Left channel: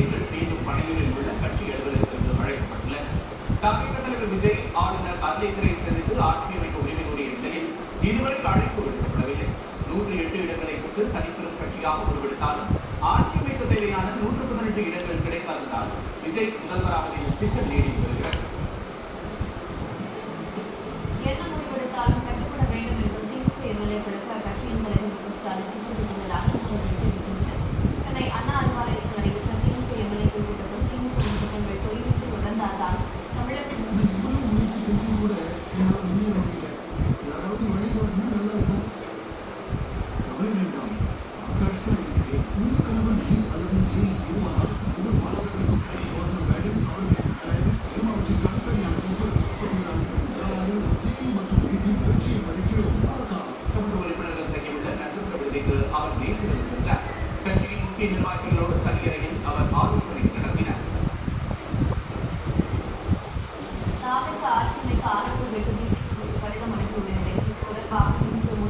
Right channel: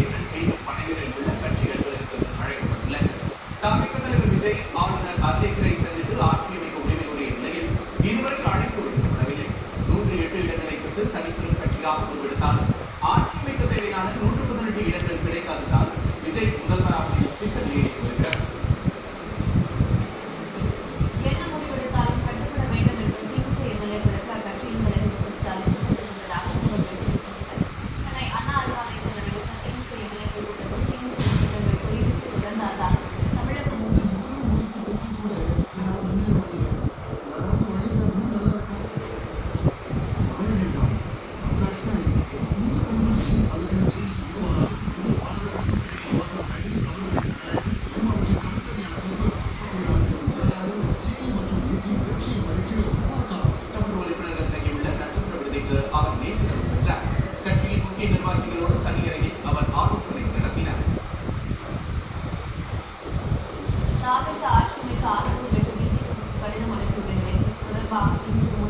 எம்எல்ஏக்கள் மீண்டும் பணிகளில் உள்ள கட்சி அலுவலகத்திற்கு அழைக்கப்பட்டுள்ளனர். தமிழக தலைவர் விஜய் ஆளுநர் அர்லேக்கரை சந்தித்து ஆட்சி அமைக்க உரிமை கோரிய நிலையில் இதுவரை அழைப்பு விடுக்கப்படவில்லை. 108 இடங்களை பெற்று தனிப்பெரும் கட்சியாக உருவெடுத்தாலும் ஆட்சி அமைக்க தேவையான 118 இடங்கள் கிடைக்காததால் விஜய் முதல்வராக சிக்கல் நீடித்து வருகிறது. என்ன முடிவெடுத்தாலும் கட்டுப்பட வேண்டும் என்று திமுக எம்எல்ஏக்களுக்கு அக்கட்சியின் தலைவர் மு க ஸ்டாலின் தெரிவித்துள்ளதாக தெரிவித்துள்ளனர். சென்னை அண்ணா அறிவாலயத்தில் நடைபெற்ற திமுக எம்எல்ஏக்கள் கூட்டத்தில் திமுக திட்டங்கள் தொய்வித்து தொடர்ந்தால்தான் தமிழகம் அவர் நேற்றிரவு சென்றார். கட்சியின் முக்கிய நிர்வாகிகளோடு தனியறையில் அவர் ஆலோசனை நடத்தினார். ஆட்சி அமைக்க ஆதரவு கடிதம் அளித்துள்ள நிலையில் தொடர்பாக இன்று